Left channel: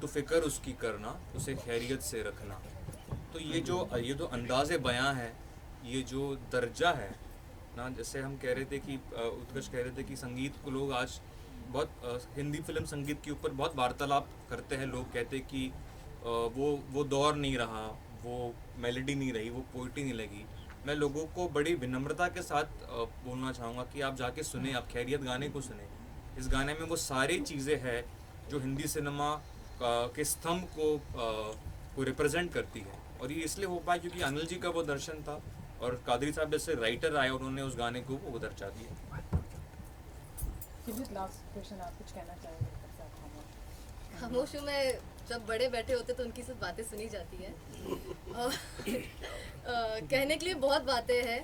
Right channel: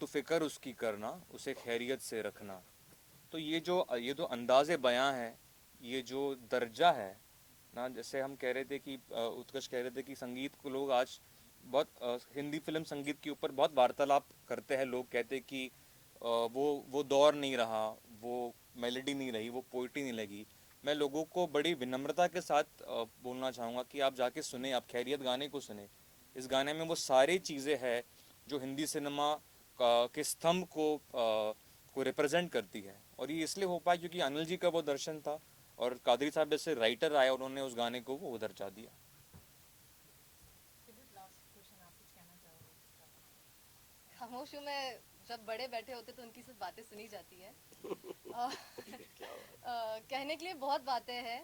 तो फिक्र उसकी करना, उसे खैरियत से रखना। तो ये जो अंदाज़े बयां है, ये जो दर्जा है ना, जैसे हम कह रहे थे कि उत्कर्ष कह रहे थे कि संगीत को लोग आज बहुत हिंदी फिल्म संगीत के ऊपर बहुत वार्तालाप करते हैं। लोग कहते हैं कि वो दौर नहीं रहा, वो मेलोडी नहीं रही, वो पोइट्री नहीं लगी। मैं लोगों को बड़ी विनम्रता के साथ बोलना चाहूँगा कि आप जाके सुने, आप खैरियत गाने को सुने। इस गाने में वो सारी चीज़ें हैं जो हिंदी सिनेमा के स्तंभ को रिप्रेजेंट करती है। और ये इसलिए हो पाया क्योंकि अनिल जी का वो दर्शन था और कादरी साहब जैसे राइटर आए, उन्होंने उस गाने को वो दर्जा दिया। खामोश में जब बड़े बैठे होते तो उनकी सब बातें सुनी जाती है। कहने के लिए बहुत बातें हैं,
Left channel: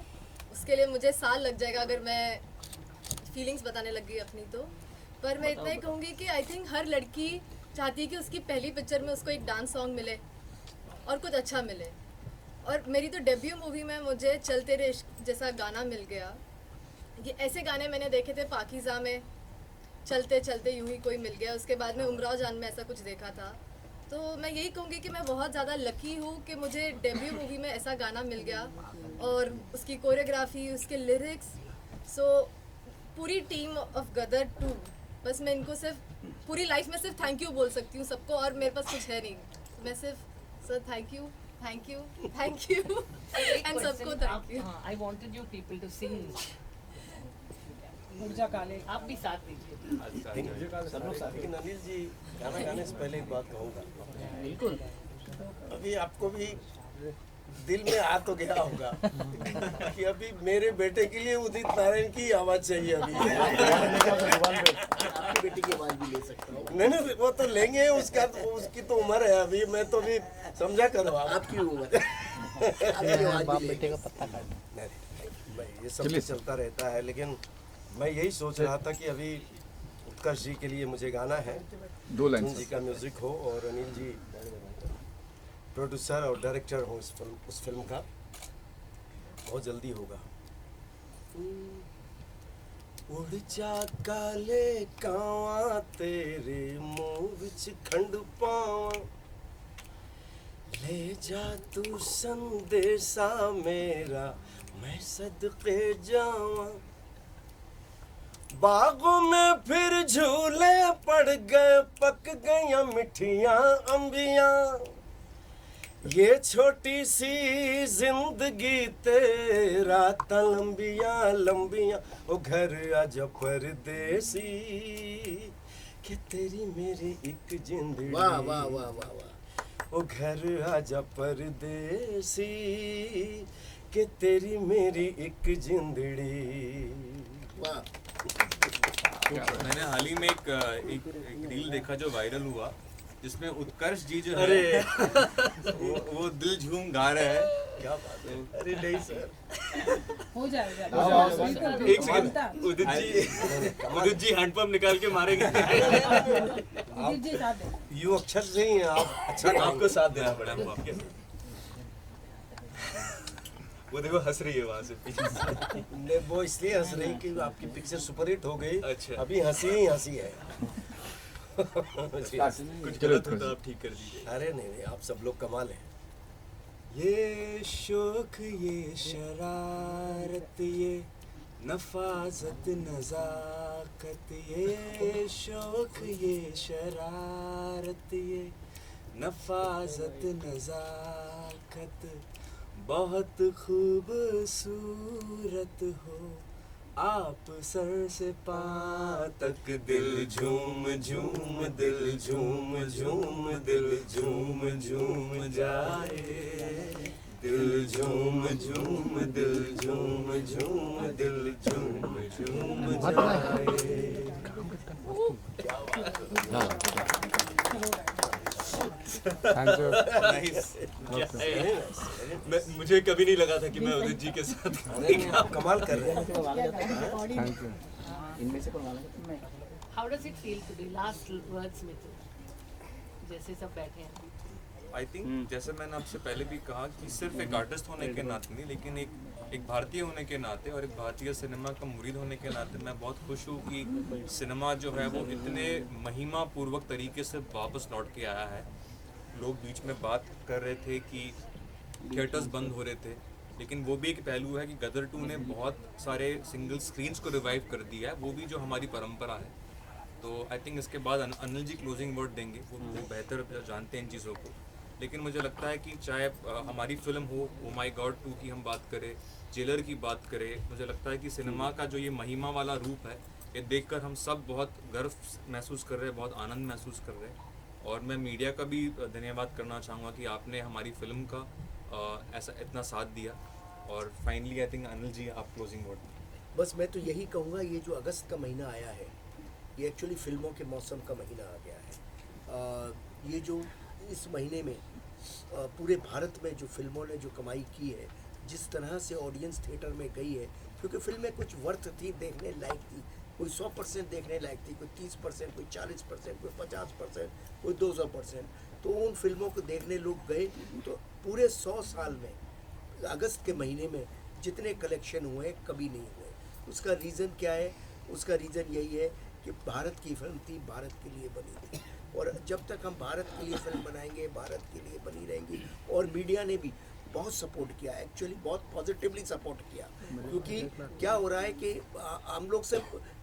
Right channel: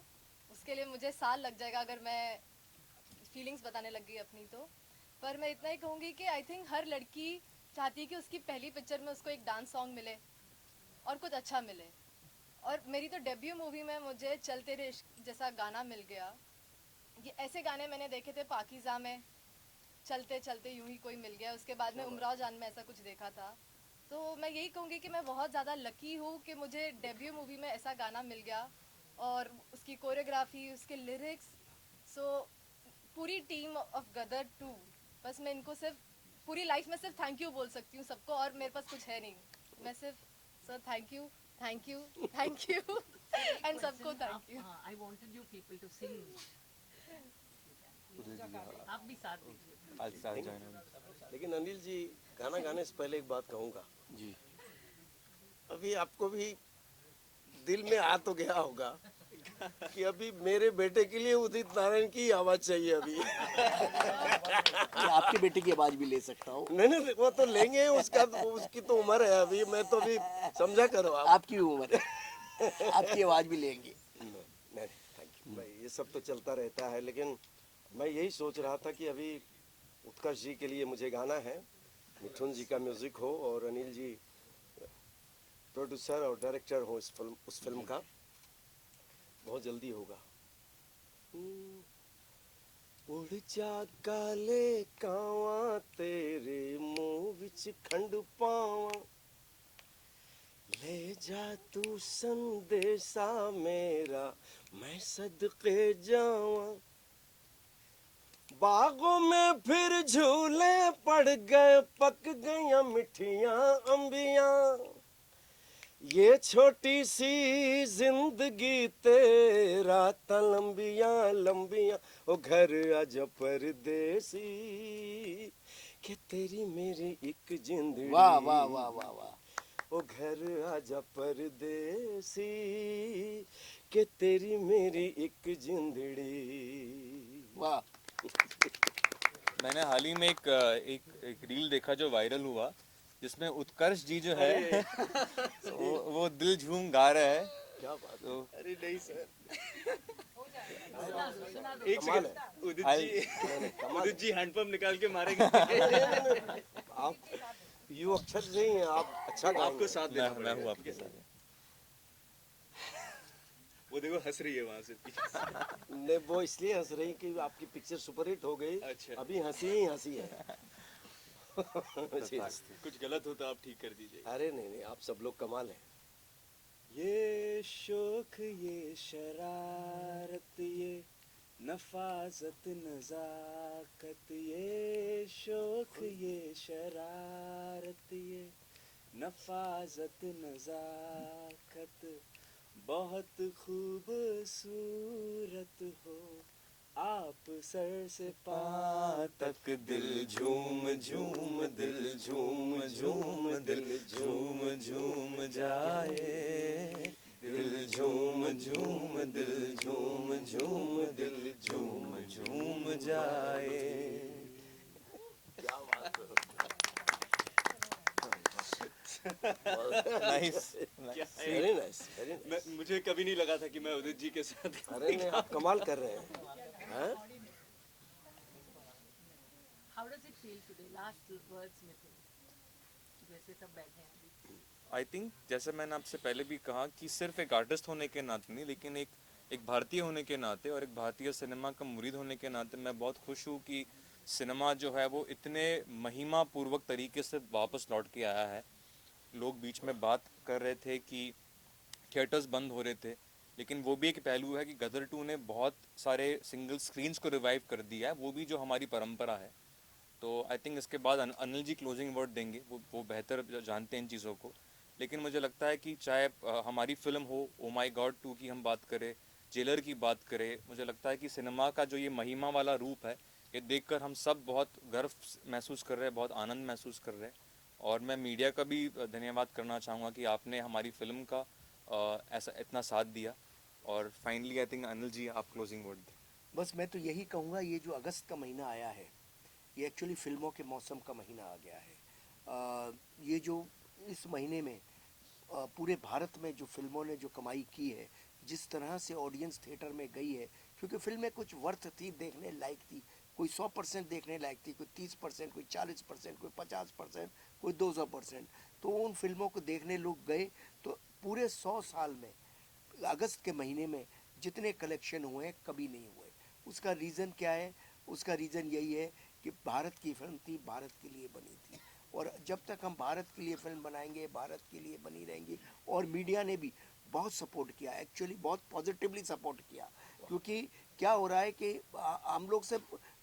उसके लिए मुझे साल लग जाएगा अगर मैं फीलिंग्स बताने लगी अपनी तो। पर मैं इतना ही कहूँगी कि आई थिंक हर लड़की चाहती है कि उसकी पहली पिक्चर में उसको एक डांस सॉन्ग मिले और कुछ अच्छा मिले। और मेरी तो डेब्यू मूवी में मुझे चल तेरे इश्क जैसा गाना मिल गया। ये ऐसे गाने मैंने देखे थे पाकीज़ा में, चलते चलते यूं ही कोई मिल गया। उसके बाद में उमराव जान में ऐसा कुछ देखा था। तो मैं यही कहूँगी कि मैं बहुत ज़्यादा लकी हूँ कि मुझे डेब्यू मूवी में ऐसा गाना मिल गया और उसकी कोरियोग्राफी, उसके लिरिक्स। सो पूरी टीम ऑफ गदर 2, बस मैं इनको सिर्फ पूरी लाइफ में सिर्फ थैंक यू बोल सकती हूँ सबको, और मेरे पास कुछ है नहीं। मैं सिर्फ सर थैंक यू एंड सबको thank you. I wanted you people to sing. आप भी साथ दीजिए। लेकिन अनिल जी, गाना गाने से पहले एक बात कहूँगा। बिल्कुल। अभी आपको भी दिल में आ तो गया होगा कि अभी मेरे बेटे के लिए उदित नारायण की आवाज चाहिए। अभी आपके बेटे की आवाज भी ले सकता हूँ। नहीं, वो तो लेंगे, उसकी तो उम्र है अभी। मैं तो अभी समझा करो आपकी उम्र आपकी आवाज भी बेटे का पत्ता काट। नहीं, ये सब चलता रहता है। लेकिन मैं यही सोच रहा था कि अभी उत्कर्ष जी के लिए मुझे गाना है, 2 लाइन जी का म्यूजिक हो और अनिल जी प्रोड्यूसर और डायरेक्टर हो उस फिल्म का। बहुत जल्दी होगा। उड़ जा काले कावा तेरे मुंह विच खंड पावा, ले जा तू संदेशा मेरा मैं सदके जावा। बागों में फिर झूले पड़ गए, पक गई मिठियां अंबियां। ये छोटी सी जिंदगी तेरा ता लंबियां लंबियां। ओ घर आजा परदेसी कि तेरी मेरी एक जिंदगी। वाह वाह वाह वाह वाह। ओ घर आजा परदेसी कि तेरी मेरी एक जिंदड़ी। वाह। मैंने हाल ही में एक रील देखा जो वायरल हुआ, जिसमें उत्कर्ष जी जो है वो दिल झूम गा रहे हैं। क्या बात है। अरे नहीं सर, हो जाएगा। एक सेकंड। उदित जी हैंडपंप निकाल के मारेंगे। ये अक्षर नहीं है, आप अच्छा आपको साथ देना पड़ेगा। आपके साथ वो देखो हंस रही है वहाँ से पीछे से। ने वो इसलिए हंस रही कि आपकी पिक्चर सुपरहिट हो गई। अच्छा। अभी हंसी ही हंसी है। कुछ गलत हो तो आप ठीक कर दीजिए। अरे नहीं नहीं, आप सब लोग कमाल हैं। ये शौक ये शरारत ये नफाजत नजाकत, ये शौक ये शरारत ये नफाजत नजाकत, बहुत खूबसूरत हो आप सर से पाँव तक, दिल झूम झूम दिल झूम झूम दिल झूम झूम जाए, दिल झूम झूम दिल झूम झूम दिल झूम झूम जाए। मुझे कभी नहीं लगा था कि मैं उदित जी के साथ अरे नहीं, आप कमाल कर रहे हैं। How does it feel today? Last words में तो जैसे सब बैठे हैं अभी। आई थिंक जैसे मैंने आपसे पहले भी कहा कि सिर्फ एक आर्टिस्ट होने के नाते नहीं, लेकिन एक भारतीय होने के नाते और एक भारतीय सिनेमा का मुरीद होने के नाते मैं बहुत खुश हूँ कि सिनेमा जो है वो इतने महिमा पूर्वक तरीके से वापस लौट के आया है। लोग बीच में बात कर रहे थे कि थिएटर्स बंद हो रहे थे, लेकिन वो भी एक पहलू है कि गदर 2 ने बहुत सारे सिंगल स्क्रीन्स को रिवाइव कर दिया है, वो भी जो हमारी परंपरा है। तो आई थिंक इसके बाद अनिल जी क्लोजिंग वर्ड देंगे, वो बेहतर जानते हैं इन चीज़ों को। लेकिन मुझे लगता है कि चाहे हमारी फिल्म हो ओ माई गॉड 2 की हम बात करें, जेलर की बात करें, मुझे लगता है कि सिनेमा का जो ये महिमा वाला रूप है, ये देखकर हम सब बहुत गर्व महसूस कर रहे हैं, बहुत आनंद महसूस कर रहे हैं। और मैं मीडिया का भी धन्यवाद करना चाहूँगा कि आपने हमारी फिल्म का ऐसा इतना साथ दिया। और finally I think Anil ji आप क्लोजिंग वर्ड। बस मैं तो यही कहूँगा, ये जो अगस्त का महीना आया है, ये एक्चुअली फिल्मों के मौसम का महीना आ गया है। ये जो इस महीने में पूरे भारत में जो फिल्मों ने जो कमाई की है, जिस तरह से ऑडियंस थिएटर में गई है, क्योंकि फिल्में कुछ वर्थ थी, देखने लायक थी, कोई 100% देखने लायक थी, कोई 30%, कोई 40%, कोई 50%, कोई 200%। तो उन फिल्मों को देखने लोग गए, तो पूरे 100 साल में अगस्त के महीने में जितने कलेक्शन हुए कभी नहीं हुए। उसका रीज़न क्या है? उसका रीज़न यही है कि भारत की फिल्म थी, भारत के लिए बनी थी, और जब तक हम भारत के लिए फिल्म बनाएंगे, भारत के लिए बनी रहेंगी। और मीडिया ने भी बहुत सपोर्ट किया, एक्चुअली बहुत पॉजिटिवली सपोर्ट किया। क्योंकि क्या हो रहा है कि हम लोग से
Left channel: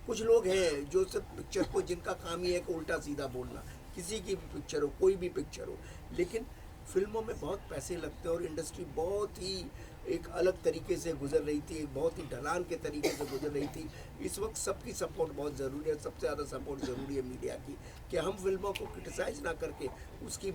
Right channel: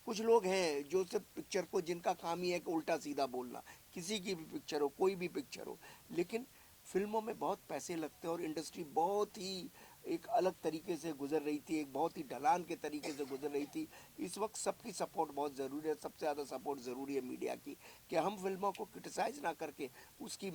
कुछ लोग हैं जो सिर्फ पिक्चर को, जिनका काम ही है कि उल्टा सीधा बोलना, किसी की भी पिक्चर हो, कोई भी पिक्चर हो, लेकिन फिल्मों में बहुत पैसे लगते हैं और इंडस्ट्री बहुत ही एक अलग तरीके से गुजर रही थी, एक बहुत ही ढलान के तरीके से गुजर रही थी। इस वक्त सबकी सपोर्ट बहुत ज़रूरी है, सबसे ज़्यादा सपोर्ट ज़रूरी है मीडिया की, कि हम फिल्मों को क्रिटिसाइज़ ना करके उसकी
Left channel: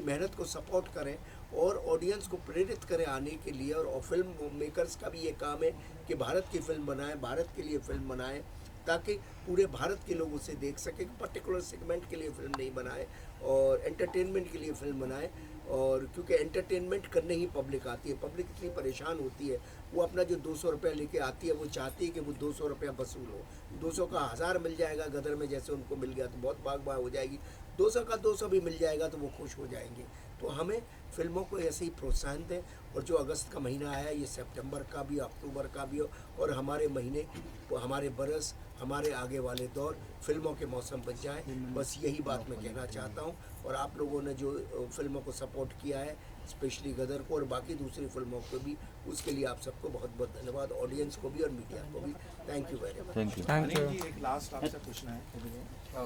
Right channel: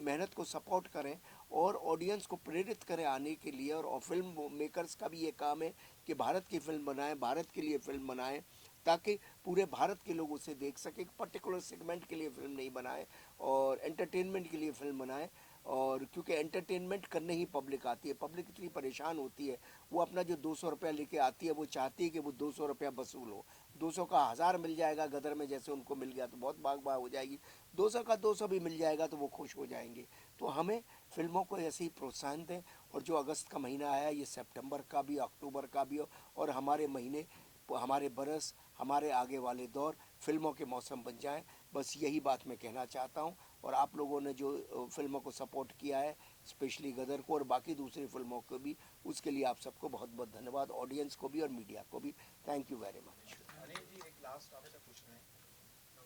मेहनत को सपोर्ट करें और ऑडियंस को प्रेरित करें आने के लिए। और फिल्म मेकर्स का भी ये काम है कि भारत की फिल्म बनाएं, भारत के लिए फिल्म बनाएं, ताकि पूरे भारत के लोग उसे देख सकें। पर्टिकुलर सेगमेंट के लिए फिल्म नहीं बनाए और एंटरटेनमेंट के लिए फिल्म बनाए। और क्योंकि एंटरटेनमेंट करने ही पब्लिक आती है, पब्लिक इतनी परेशान होती है, वो अपना जो 200 रुपया लेके आती है, वो चाहती है कि वो 200 रुपया वसूल हो। 200 का 1000 मिल जाएगा गदर में, जैसे उनको मिल गया तो बहुत भाग हो जाएगी। 200 का 200 भी मिल जाएगा तो वो खुश हो जाएंगे। तो हमें फिल्मों को ऐसे ही प्रोत्साहन दें। और जो अगस्त का महीना आया, ये सितंबर का भी, अक्टूबर का भी हो, और हमारे महीने, हमारे बरस, हमारे आगे वाले दौर फिल्मों के मौसम बन जाएं। बस यही बात मैं कहना चाहता हूं। और आप लोगों ने जो फिल्मों को सपोर्ट किया है, स्पेशली गदर को और बाकी दूसरी फिल्मों को भी, उसके लिए आप सबको बहुत बहुत धन्यवाद, ऑडियंस को भी और मीडिया को भी। Thank you very much. Anil ji, एक लास्ट आपसे पूछना है,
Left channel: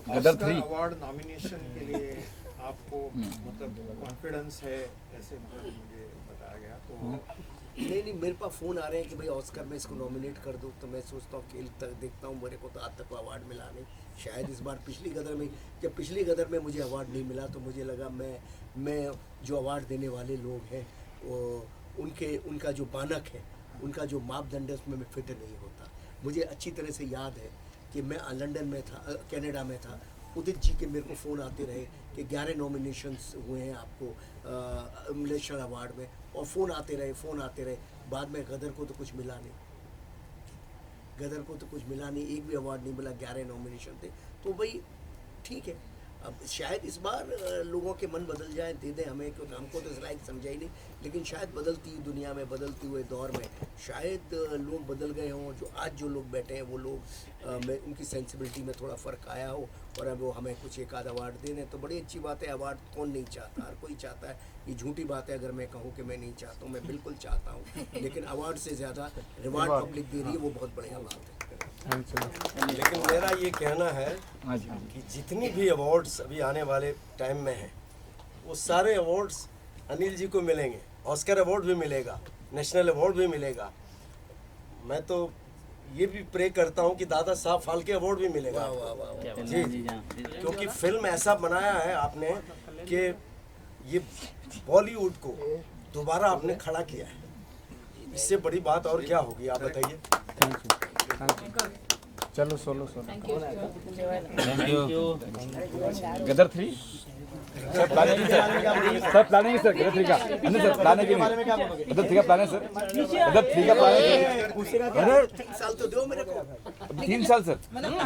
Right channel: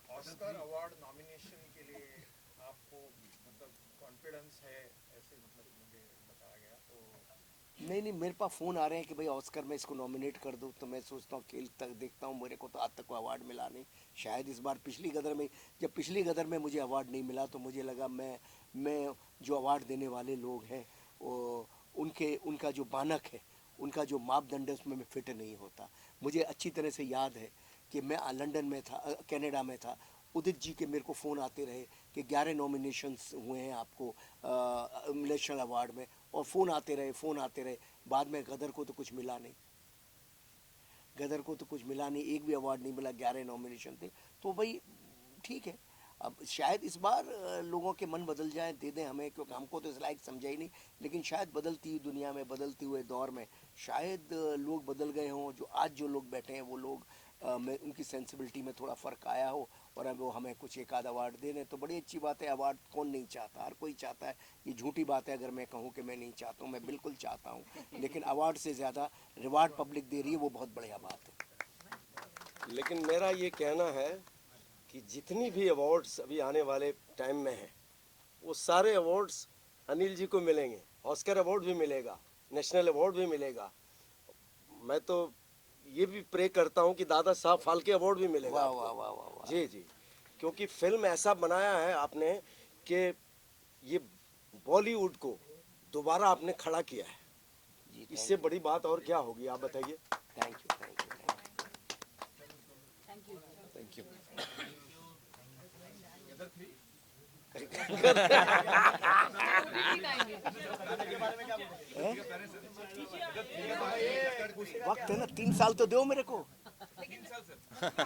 गदर ऑस्कर 3 अवार्ड नॉमिनेशन के लिए आपको मतलब कॉन्फिडेंस है, ऐसे मतलब मुझे बताया गया। तो नहीं, मेरे पास फ़ोन आ रहे हैं कि भाई ऑस्कर में इसको नॉमिनेट कर दूँ, तो मैं सोचता हूँ, खेल तक देखता हूँ, मेरे को तो आज तक अवार्ड मिला नहीं। शायद इस बार पिछली गदर में, जब पिछली गदर में मुझे अवार्ड नहीं मिला, तो मुझे लगा मैं जो अवार्ड देने वाले लोग हैं, वो उनका जो मानक है, उनका जो मापदंड है, उसमें मैं फिट नहीं होता। मुझे अच्छी तरह से याद है कि मैं लंदन में था, कनाडा में था, उदित जी के मेरे को फ़ोन आते रहे कि 11 नॉमिनेशंस हुए हैं आपको नेशनल अवार्ड में, और फ़ोन आते रहे। बाद में गदर को तो कुछ मिला नहीं, एक भी अवार्ड नहीं मिला, 11 नॉमिनेशन थे। तो भाई ठीक है, अब शायद इस बार लोगों के मन बदल जाए, दे दें हमें, क्योंकि हमको तो इस लायक समझा ही नहीं, लेकिन शायद बदलती दुनिया में, बदलते हुए दौर में शायद लोग बदल गए हों। जो आज जो लोग बैठे हैं वो लोग में उनकी सेंसिबिलिटी में थोड़ा फ़र्क आया हो और अब वो हमें कुछ एक आध अवार्ड दे दें तो बड़ी अच्छी बात है। अवार्ड कौन नहीं चाहता, हर कोई चाहता है। ये झूठी बात है अगर मैं कहूँ कि मैं नहीं चाहता हूँ, मैं बिल्कुल चाहता हूँ, लेकिन अवार्ड से ज़्यादा रिवार्ड पब्लिक दे रही है, वो बहुत बढ़िया बात है। लेकिन मेरा ये कहना है कि जितनी भी अवार्ड्स अभी आने वाले टाइम में हैं, वो सारे अवार्ड्स अनिल जी को मिलेंगे। ऑस्कर अवार्ड भी मिलेगा, नेशनल अवार्ड भी मिलेगा। मैं तो ये भी प्रे करता हूँ कि दादा साहब फाल्के अवार्ड भी मिलेगा। वाह वाह वाह वाह। जी जी, क्योंकि फिल्म ऐसा बनाया है आपने कि ये बॉलीवुड को दोबारा आपने खड़ा किया है। इससे बड़ी बात और क्या होगी, आप बताइए। चलो solo thank you thank you. Gadar 3 sir planning है सर, गदर 3 का नहीं सर, प्लान है कि नहीं? गदर 3 का प्लान है सर, गदर 3 का प्लान है। अरे 3 साल तो दो मेरे को। 3 साल सर,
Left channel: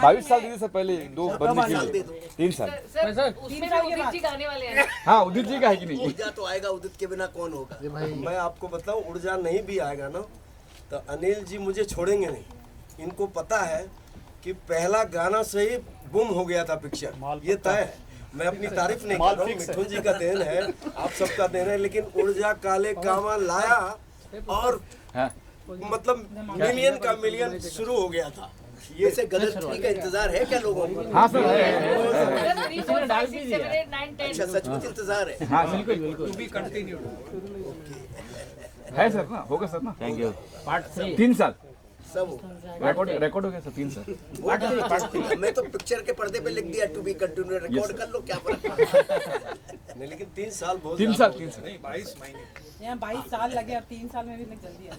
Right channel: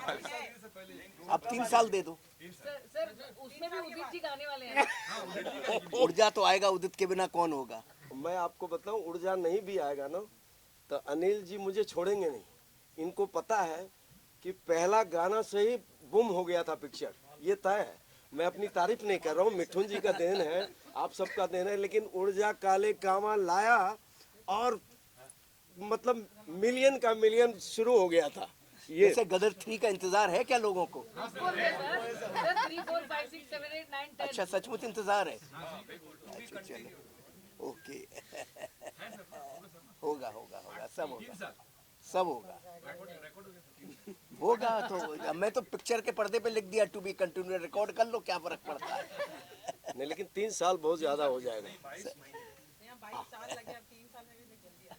22 साल दीजिए सर, पहले 2 3 साल दे दो। 3 साल। सर उसमें भी उदित जी गाने वाले हैं। हाँ उदित जी का है कि नहीं? ऊर्जा तो आएगा, उदित के बिना कौन होगा। मैं आपको बताऊं, ऊर्जा नहीं भी आएगा ना तो अनिल जी मुझे छोड़ेंगे नहीं। इनको पता है कि पहला गाना से ही बुम हो गया था पिक्चर, ये तय है। मैं अपनी तारीफ नहीं कर रहा हूँ, मिठुन जी का देन है, आप सबका देन है, लेकिन ऊर्जा काले कामा लाया और हाँ। मतलब मिलियन का मिलियन शुरू हो गया था। ये ऐसे गलत ट्री का इंतजार है क्या लोगों को? हाँ सर सर 3 4 5 6 7 8 9 10 अच्छा सचमुच इंतजार है। हाँ बिल्कुल बिल्कुल है सर ना, होगा सर ना। Thank you. पार्ट 3 साल सब होगा। रिकॉर्ड हो गया सर 3 साल। होगा। मैं तो पिक्चर के पर्दे पे लिख दिया टू बी कंटिन्यू, रिकॉर्ड कर लो, क्या फर्क पड़ता है। नहीं, लेकिन 3 साल बहुत 3 ज्यादा साल हो 3 गया। साल। नहीं 22 महीने यहाँ 22 साल लगे, अब 3 साल में भी मैं जल्दी आ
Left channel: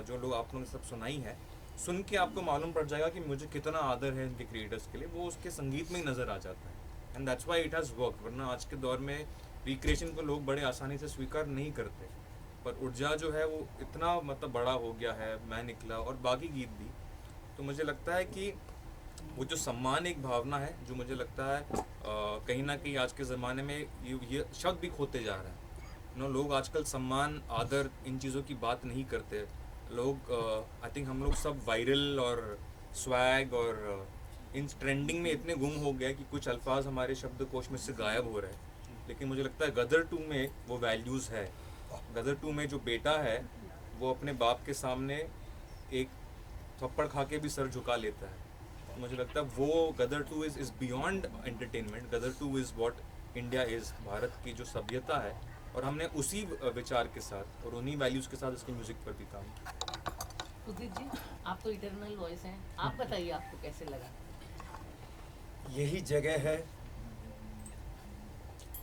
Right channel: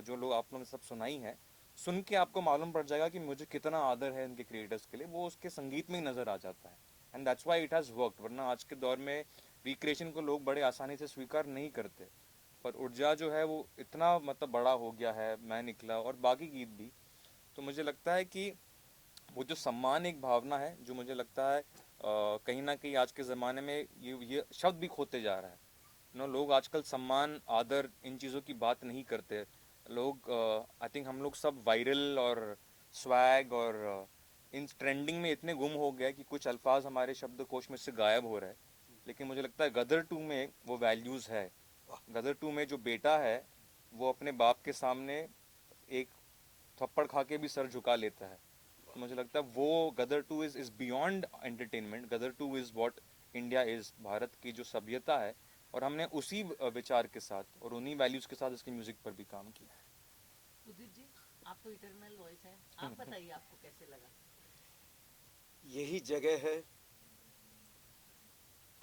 जो लोग आपने सब सुनाई है, सुन के आपको मालूम पड़ जाएगा कि मुझे कितना आदर है इनके क्रिएटर्स के लिए, वो उसके संगीत में ही नजर आ जाता है। And that's why it has worked. वरना आज के दौर में रिक्रिएशन को लोग बड़े आसानी से स्वीकार नहीं करते, पर ऊर्जा जो है वो इतना मतलब बड़ा हो गया है, मैं निकला और बाकी गीत भी। तो मुझे लगता है कि वो जो सम्मान एक भावना है, जो मुझे लगता है कहीं ना कहीं आज के ज़माने में ये शब्द भी खोते जा रहे हैं। लोग आजकल सम्मान, आदर, इन चीज़ों की बात नहीं करते। लोग आई थिंक हम लोग सब वायरल और स्वैग और इन ट्रेंडिंग में इतने गुम हो गए कि कुछ अल्फाज हमारे शब्दकोश में से गायब हो रहे हैं। लेकिन मुझे लगता है गदर 2 में वो वैल्यूज़ है। गदर 2 में जो बेटा है वो अपने बाप के सामने एक थप्पड़ खा के भी सर झुका लेता है। तो मुझे लगता है वो Gadar 2 is beyond entertainment. Gadar 2 is what India is, Bharat की जो सभ्यता है, और हमने उसी विचार के साथ और उन्हीं वैल्यूज़ के साथ इसके म्यूज़िक पर भी काम किया। उदित जी आप तो इटर्नल वॉइस हैं, आप बताइए आपको कैसे लगा? यही जगह है,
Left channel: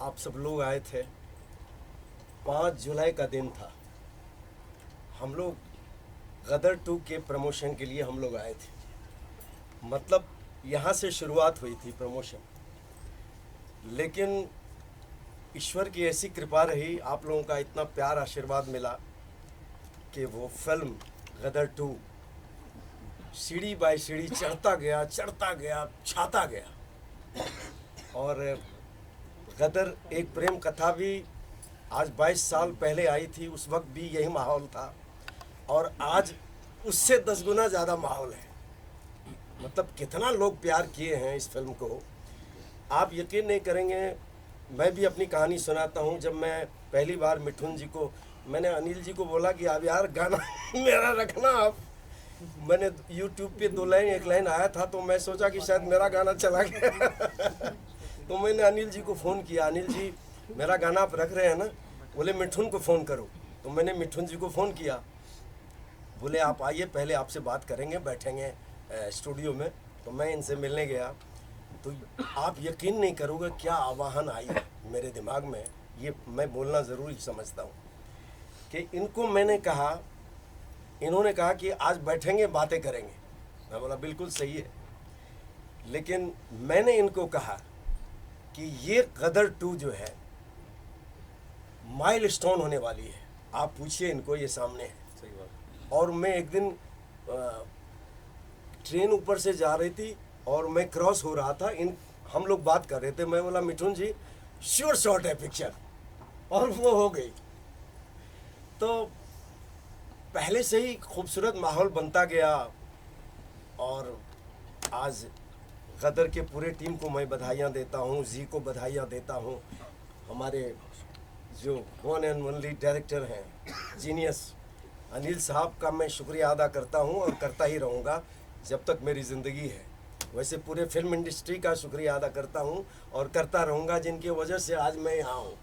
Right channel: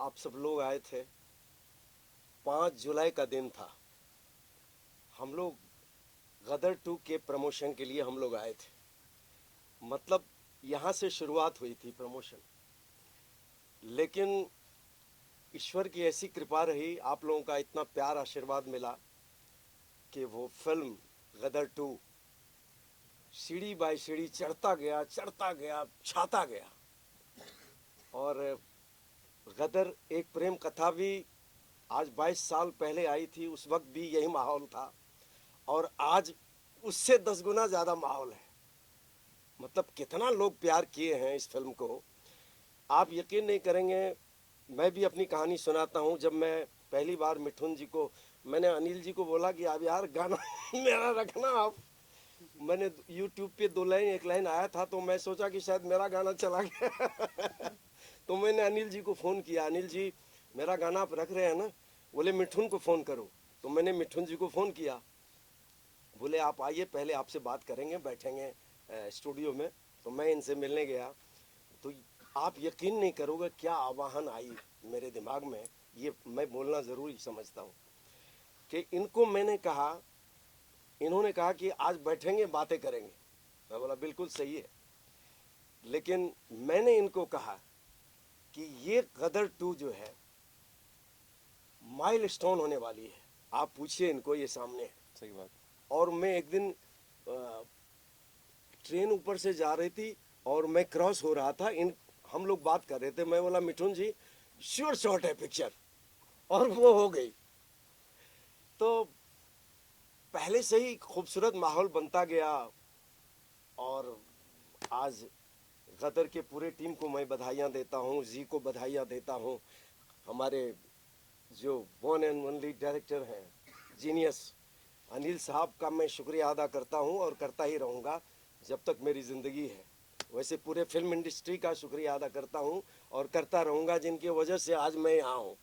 आप सब लोग आए थे, 5 जुलाई का दिन था। हम लोग गदर 2 के प्रमोशन के लिए हम लोग आए थे। मतलब यहाँ से शुरुआत हुई थी प्रमोशन, लेकिन ईश्वर की ऐसी कृपा रही, आप लोगों का इतना प्यार आशीर्वाद मिला कि वो फिल्म गदर 2 सीढ़ी बाय सीढ़ी चढ़ता गया, छाता गया। और गदर एक प्रेम कथा भी आज 22 साल पहले आई थी, उस वक्त भी यही माहौल था, और आज उससे 10 गुना ज़्यादा माहौल है। मतलब कितना लोग प्यार किए हैं इस फिल्म को, आप यकीन नहीं करेंगे। मैं भी अपनी कहानी सुनाता हूँ। जब मैं पहली बार मिठुन जी को, मैंने अनिल जी को बोला कि अब यार गाना मेरा रखना आप। मैंने YouTube पे 2 लाइन, 1 लाइन आया था, तो मैं सोचा कि शायद मेरा गाना चला गया। तो मैंने अनिल जी को फ़ोन किया, अनिल जी मेरा गाना आप रख रहे हैं ना? बोले मिठुन को फ़ोन करो। तो मैंने मिठुन जी को फ़ोन किया, बोले आप आइए, पहले आपसे बात करेंगे, बैठेंगे स्टूडियो में। तो मैं इनसे मिलने गया, तो आप यकीन नहीं करोगे क्या आवाहन आई मेरे दिमाग में। ये मैं बोलना ज़रूरी समझता हूँ कि इनको मैंने कहा, इन्होंने कहा कि आज बैठेंगे, बातें करेंगे। मैं बोला बिल्कुल सही है, लेकिन मैंने इनको कहा कि ये गदर 2 जो है माइलस्टोन होने वाली है। आप पूछिए इनको, ये सामने है। सही बात। और मैं एक दिन ट्रेन ऊपर से जा रही थी और मैं क्रॉस हो रहा था, इन हम लोग बात कर रहे थे, मैं बोला मिठुन जी श्योर शॉट है पिक्चर, और वो हो गई। तो पहले से ही खूबसूरत माहौल बनता गया और आज गदर के पूरे टीम को मैं बधाइयाँ देता हूँ, जी को बधाइयाँ देता हूँ, हमारे जो वन एंड ओनली डायरेक्टर हैं जीनियस अनिल साहब का मैं शुक्रिया अदा करता हूँ और करता ही रहूँगा जब तक मेरी ज़िंदगी है। वैसे पूरे फिल्म इंडस्ट्री का शुक्रिया अदा करता हूँ और करता रहूँगा, जिनकी वजह से आज मैं यहाँ हूँ।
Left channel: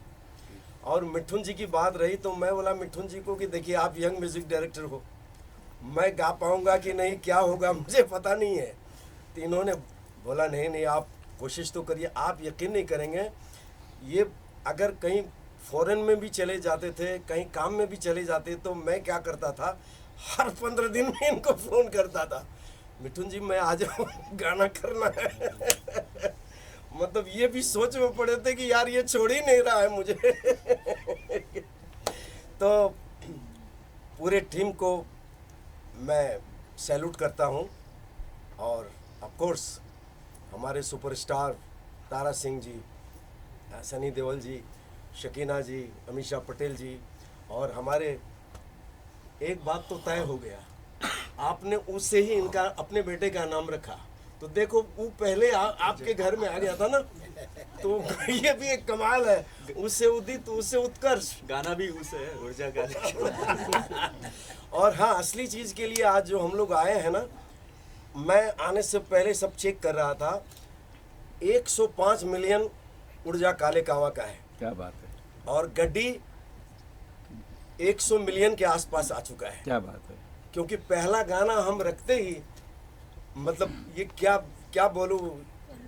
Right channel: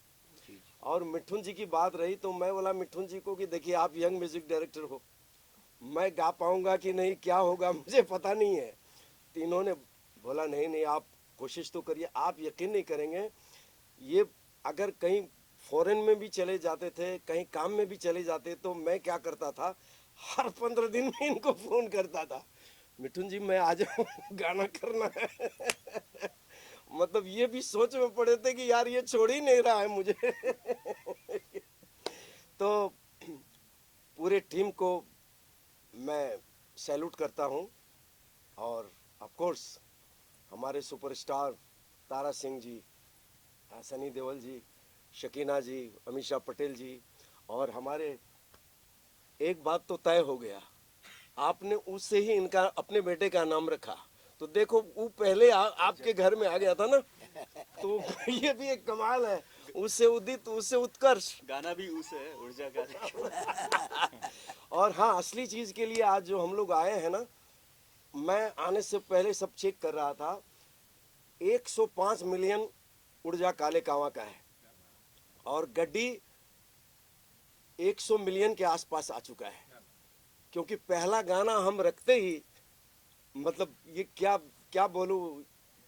और मिठुन जी की बात रही तो मैं बोला मिठुन जी को कि देखिए आप यंग म्यूज़िक डायरेक्टर हो, मैं गा पाऊँगा कि नहीं, क्या होगा मुझे पता नहीं है। तो इन्होंने बोला नहीं नहीं आप कोशिश तो करिए, आप यकीन नहीं करेंगे, ये अगर कहीं फॉरेन में भी चले जाते थे, कहीं काम में भी चले जाते, तो मैं क्या करता था, हर 15 दिन में इनको फ़ोन करता था, मिठुन जी मैं आ जाऊँ, गाना करना है। मतलब ये भी सोच में पड़े थे कि यार ये छोड़ ही नहीं रहा है मुझे। तो पूरे टीम को मैं सैल्यूट करता हूँ और ऑफ कोर्स हमारे सुपरस्टार तारा सिंह जी, सनी देओल जी, शकीना जी, अमीषा पटेल जी, और हमारे एक बात तो तय हो गया, आपने उससे ही इनका अपने बेटे का नाम रखा, तो देखो वो पहले आपके घर में आ गया था ना, तो ये भी एक कमाल है, उससे उदित उससे उत्कर्ष, गाना भी उस है ऊर्जा का। और हाँ असली चीज़ के लिए आज जो हम लोग आए हैं ना, मैं आने से पहले सब चेक कर रहा था, 105 मिलियन ऊर्जा काले कावा का है, क्या बात है, और गड्डी 100 मिलियन के आसपास आ चुका है। क्या बात है। क्योंकि पहला गाना हम रखते ही, मतलब ये क्या क्या बोलूं,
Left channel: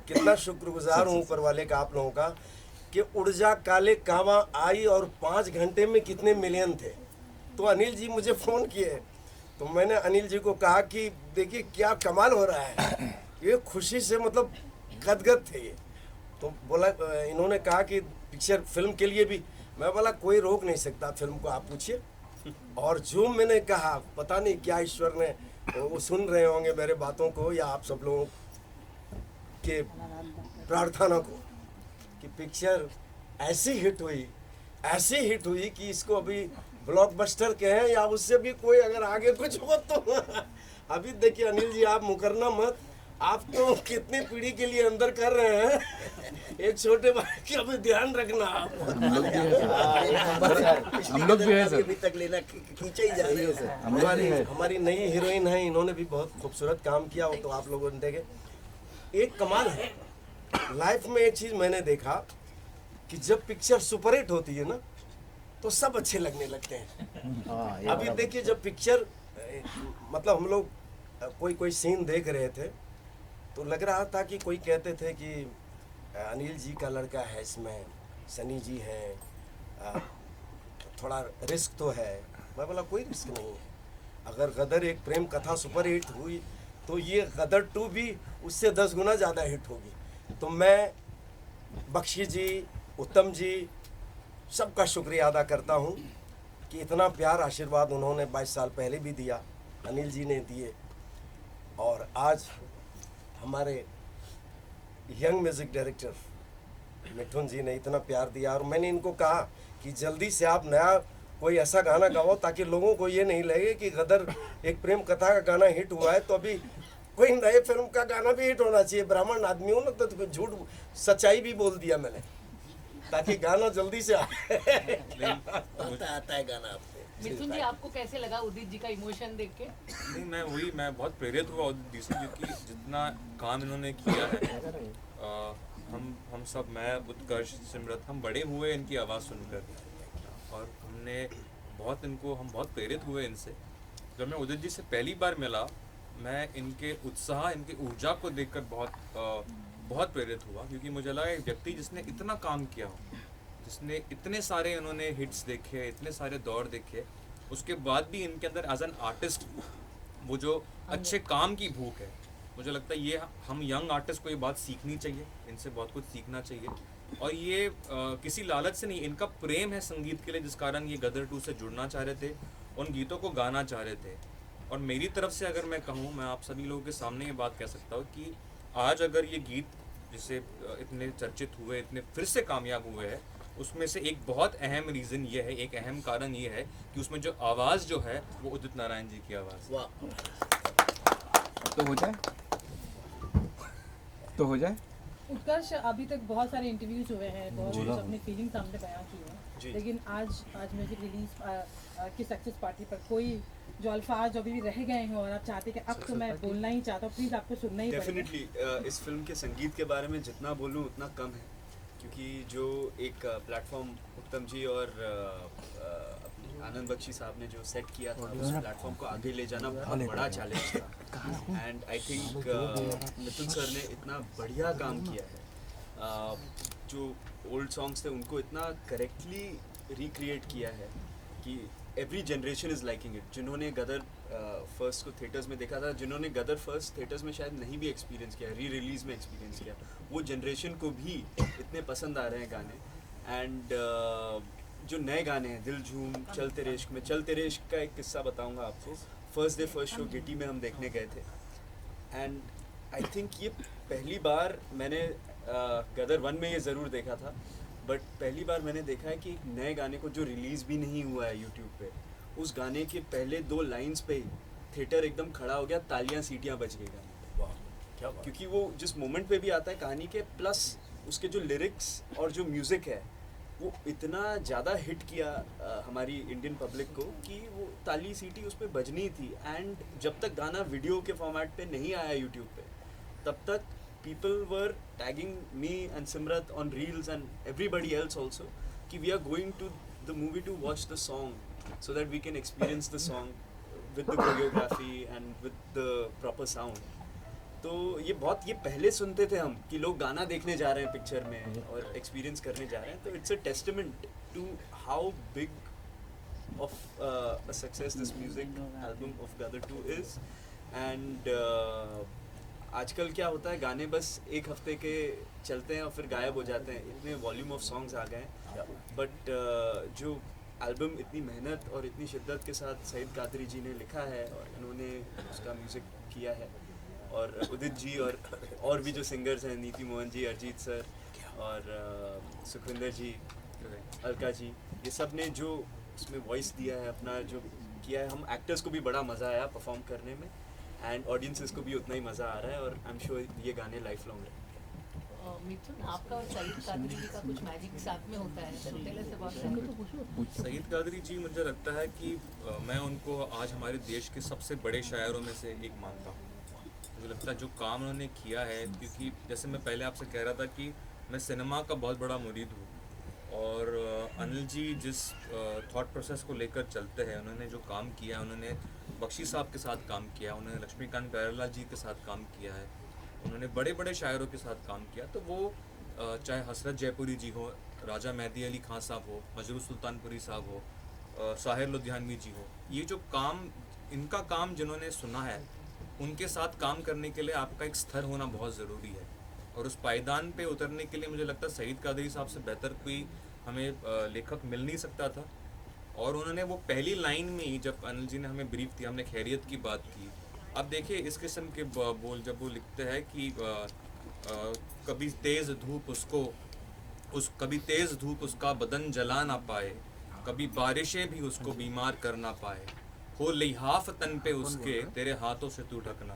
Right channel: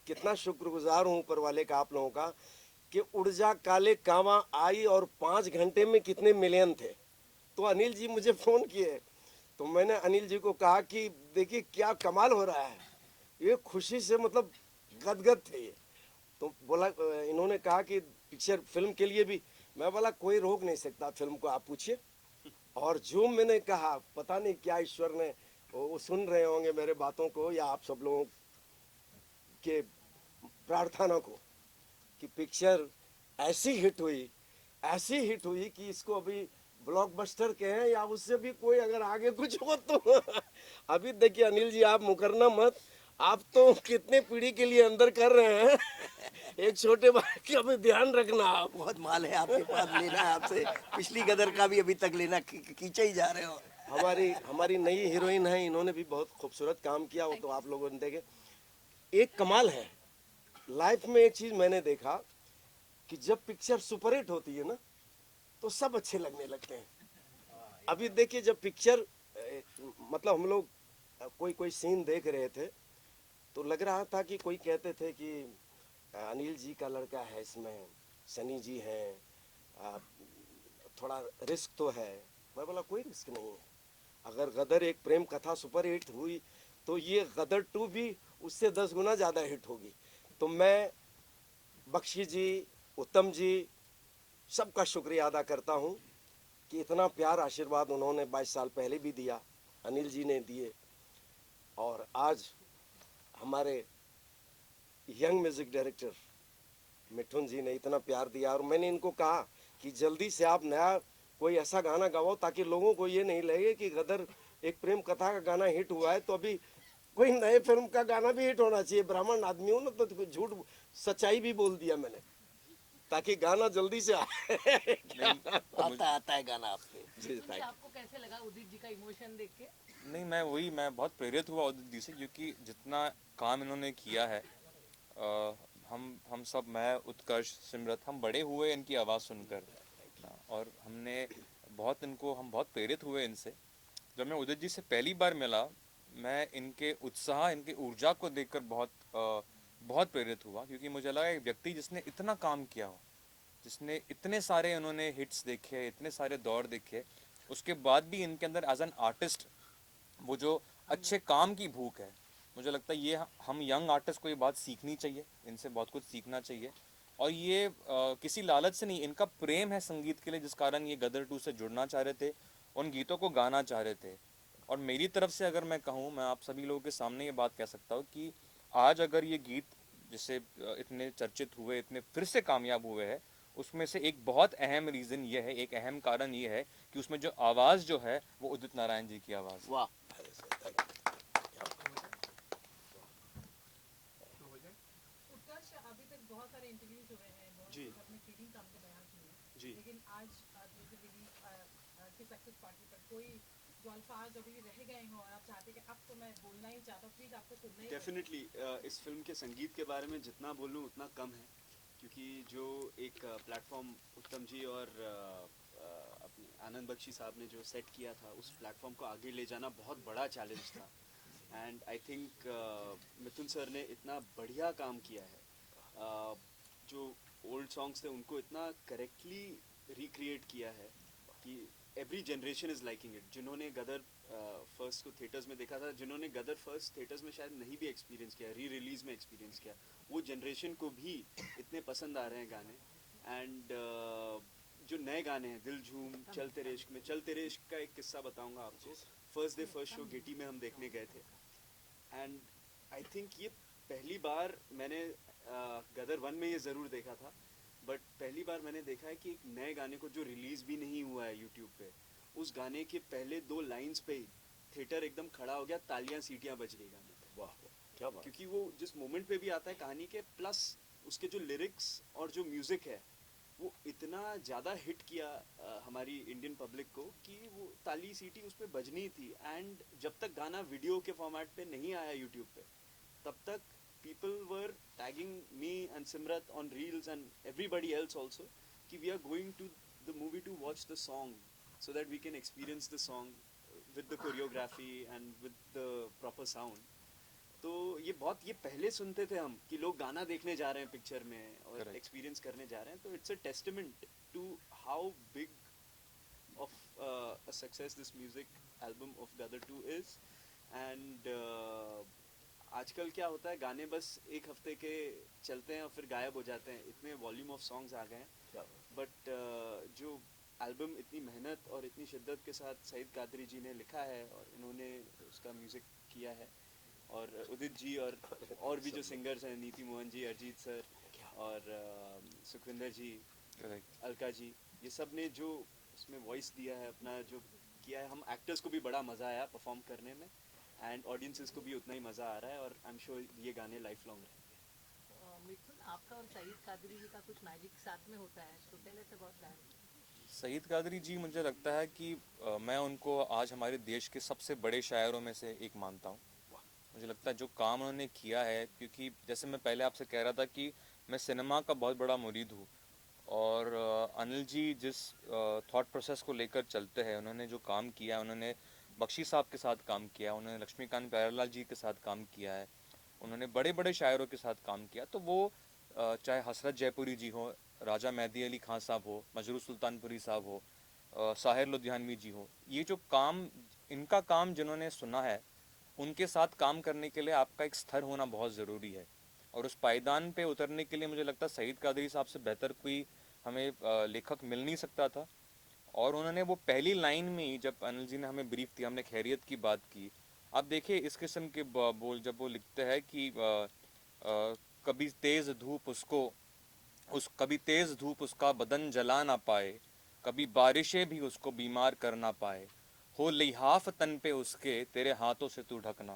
कितना शुक्रगुजार हूँ ऊपर वाले का, आप लोगों का, कि ऊर्जा काले कावा आई और 5 घंटे में कितने मिलियन थे। तो अनिल जी मुझे फ़ोन किए, तो मैंने अनिल जी को कहा कि देखिए क्या कमाल हो रहा है, ये खुशी से मतलब गदगद थे ये। तो बोला, इन्होंने कहा कि पिक्चर फिल्म के लिए भी, मैं बोला कोई रोक नहीं सकता फिल्म को, आप पूछिए। और जो मैंने कहा, पता नहीं क्या ईश्वर ने, वो सुन रहे होंगे मेरे बातों को या आप सब लोगों के प्रार्थना को, कि पिक्चर ऐसी हिट हुई कि इसको अभी ब्लॉकबस्टर के हैं या उससे भी कोई अगर आगे कुछ हो तो अभी देखिए अनिल जी आप मुकरना मत, आप तो कितने पीढ़ी के लिए अंदर कर रहे हैं, एक छोटे भाई की अभी ध्यान रखना आप। हम लोग भी है सर, अभी तक लेना खींचा ही जा रही है। हमारी नई हीरोइन है, इन्होंने भी बहुत खूबसूरत काम किया हो, तो आप लोगों ने देखे। एक कमाल है लाइफ में, एक चीज मैंने देखा कि जब पिक्चर सुपरहिट होती है ना, तो सब अच्छे लगने लगते हैं। अभी देखिए जब पिक्चर, मतलब हम लोग कोई सीन देख रहे थे, तो लग रहा था कि कोई कहते थे कि अनिल जी का लड़का है इसमें, सनी जी हैं, थोड़ा रिस्क तो है। मैं बोला कोई रिस्क नहीं है, अगर गदर एक प्रेम कथा सुपर हिट हुई तो ये गदर 2 भी उससे 10 गुना ज़्यादा हिट होगी। तो मैं बख्शी जी, उत्तम जी, सबका शुक्रिया अदा करता हूँ कि इतना प्यार आशीर्वाद उन्होंने 22 साल पहले भी दिया, अनिल जी ने दिए, और आज हमारे यंग म्यूज़िक डायरेक्टर मिठुन जी ने इतना प्यार दिया। और मैंने इनको कहा कि जल्दी से आप नया कोई ऐसा गाना गाओ ताकि लोगों को ये नहीं लगे कि गदर एक प्रेम कथा का गाना हिट हुआ है, तो अभी कोई नए फिल्म का गाना भी हिट होना चाहिए। ब्राह्मण आदमी हूँ ना, तो झूठ सच्चाई भी बोल दिया मैंने, ताकि गाना जल्दी से आए। आता है गाना आपको। मिथुन जी आपको कैसे लगा उदित जी का इमोशन देख के? नहीं, मैं बहुत प्रेरित हुआ उदित जी से, क्योंकि जितना काम इन्होंने किया है, हम सब, मैं, उत्कर्ष, सिमरत, हम बड़े हुए इनकी आवाज़ सुनकर, और हम बहुत प्रेरित हुए इनसे। जब मैं उदित जी से पहली बार मिला, मैं इनके उत्साह, इनकी ऊर्जा को देखकर बहुत प्रेरित हुआ, क्योंकि मुझे लगा एक व्यक्ति जिसने इतना काम किया हो, जिसने इतने सारे इन्होंने हिट्स देखे, इतने सारे दौर देखे, उसके बाद भी इनके अंदर एज एन आर्टिस्ट वो जो अच्छे काम की भूख है, मुझे लगता है ये हम यंग आर्टिस्ट को ये बात सीखनी चाहिए, इनसे बहुत कुछ सीखना चाहिए। और ये किसी लालच से नहीं, इनका प्रेम है संगीत के लिए, जिस कारण ये गदर 2 से जुड़ना चाह रहे थे, उन गीतों को गाना चाह रहे थे। और मेरी तरफ से अगर मैं कहूँ, मैं आप सभी लोगों के सामने ये बात कह सकता हूँ कि आज अगर ये गीत जिससे इतने चर्चित हुए, इतने फिर से कामयाब हुए हैं, उसमें से एक बहुत अहम रीज़न ये है, एक अहम कारण ये है कि उसमें जो आवाज़ जो है वो उदित नारायण जी की आवाज़। वाह। तो हो जाए, तो हो जाए। उत्कर्ष अभी तक बहुत सारे इंटरव्यूज हुए हैं, बहुत कुछ अपनी फीलिंग सामने बयां की है, लेकिन आज म्यूजिक रिलीज की सक्सेस पार्टी पर कोई जो अल्फाज अभी भी रह गए हैं और आप चाहते कि अब तो मैं बोलना ही चाहता हूँ, प्लीज आपको सुनना ही पड़ेगा। डेफिनेटली इस फिल्म के संगीत के बारे में जितना बोलूँ उतना कम है, क्योंकि जो एक प्लेटफॉर्म उत्तम जी और आनंद बख्शी साहब ने जो सेट किया था, उस प्लेटफॉर्म को आगे ले जाना बहुत बड़ा चैलेंज था। And I think Mithun sir ने इतना बढ़िया काम किया है, जो ओल्ड सॉन्ग्स थे उनको इतना करेक्टली रिक्रिएट किया है कि every generation is liking it. जिन्होंने गदर फर्स्ट को थिएटर्स में देखा था, जिन्होंने गदर फर्स्ट थिएटर्स में शायद नहीं भी एक्सपीरियंस किया, री रिलीज में एक्सपीरियंस किया, वो जनरेशन को भी इतने पसंद आ रहे हैं गाने। एंड जो नए गाने हैं, दिल झूम, चल तेरे इश्क में, चल तेरे इश्क का एक किस्सा बताऊंगा आपको। फर्स्ट डे फर्स्ट शो गिटी में हम देखने गए थे, एंड आई थिंक ये पहली बार मैंने गदर 1 में ये ज़रूर देखा था, बट पहली बार मैंने देखा है कि एक नए गाने को जो रिलीज़ भी नहीं हुआ है यूट्यूब पे, उस गाने के पहले 2 लाइंस पे ही थिएटर एकदम खड़ा हो गया, तालियां सीटियां बज गई गाने। वाह, क्या बात। क्योंकि वो जिस मोमेंट पे भी आता है कहानी के, प्लस उसके जो लिरिक्स और जो म्यूज़िक है वो इतना ज़्यादा हिट किया हमारी इंडियन पब्लिक को कि वो ताली सीटी उस पर बजनी थी। एंड जब तक गाना वीडियो के फॉर्मेट पे नहीं आया यूट्यूब पे, तब तक people were tagging me and Simrat on reels and everybody else also कि we are going to the movie to watch the song so that we can experience the song with the choreography and with the proper sound। तो ये पहले सुनते थे हम कि लोग गाना देखने जा रहे हैं पिक्चर में और एक्सपीरियंस करने जा रहे हैं, तो it's a testament to how big of a success this music album of Gadar 2 is. And आजकल क्या होता है, गाने बस एक हफ्ते के चलते हैं और फिर गायब हो जाते हैं, इतने वॉल्यूम ऑफ सॉन्ग्स आ गए हैं। बट जो एल्बम इतनी मेहनत और इतनी शिद्दत के साथ सईद कादरी जी ने लिखा है और इन्होंने उसका म्यूज़िक किया है, और उदित जी और भी जो सिंगर्स हैं, नीति मोहन जी, अरिजीत सर और सुखविंदर जी, अलका जी, ये सब ने जो उसमें वॉइस दिया है, अपना जो किया है, हम एक्टर्स को भी बड़ा मज़ा आया परफॉर्म करने में, एंड ऑडियंसेस को भी उतना ही मज़ा आ रहा है, और आई एम श्योर ये गाने लाइफ लॉन्ग रहेंगे। मिथुन, आपका और सईद कादरी जी का कुछ मैजिक साथ में होता है, पहले से बहुत सईद कादरी जी, मुझे लगता है कि मैं उनको आज हमारे देश के सबसे बड़े शायरों में से एक मानता हूँ। मुझे लगता है जो काम उन्होंने किया है, क्योंकि जैसे मैं पहले आपसे कह रहा था कि मैं सिनेमा का बहुत बड़ा मुरीद हूँ, और अनिल जी जिस थॉट प्रोसेस को लेकर चलते हैं, उन्होंने जो काम किया, उन्होंने बख्शी साहब के साथ काम किया, उन्होंने लक्ष्मीकांत प्यारेलाल जी के साथ काम किया है, उन्होंने बड़े बड़े शायरों के साथ काम किया, तो वो चाहे हसरत जयपुरी जी हो, राजा मेहदी अली खान साहब हो, मजरू सुल्तानपुरी साहब हो, साहिर लुधियानवी जी हो, ये जो काम, इनका काम जिन्होंने सुना है, उनके साथ काम करने के लिए आपका एक स्तर होना बहुत ज़रूरी है, और उस पायदान पे उतरने के लिए मुझे लगता है सईद कादरी साहब से बेहतर कोई हमें लेखक मिल नहीं सकता था। और उन्होंने वो पहली लाइन में ही, जब अनिल जी ने हमें ब्रीफ किया, हमने खैरियत की बात की, अब देखिए इस किस्म के बोल जब वो लिखते हैं कि कभी तेज़ धूप उसका बदन जला ना पाए, कभी बारिशें भी उसको बीमार कर ना पाए, हो लिहाफ तन पे उसके तेरे हाथों से तू ढकना।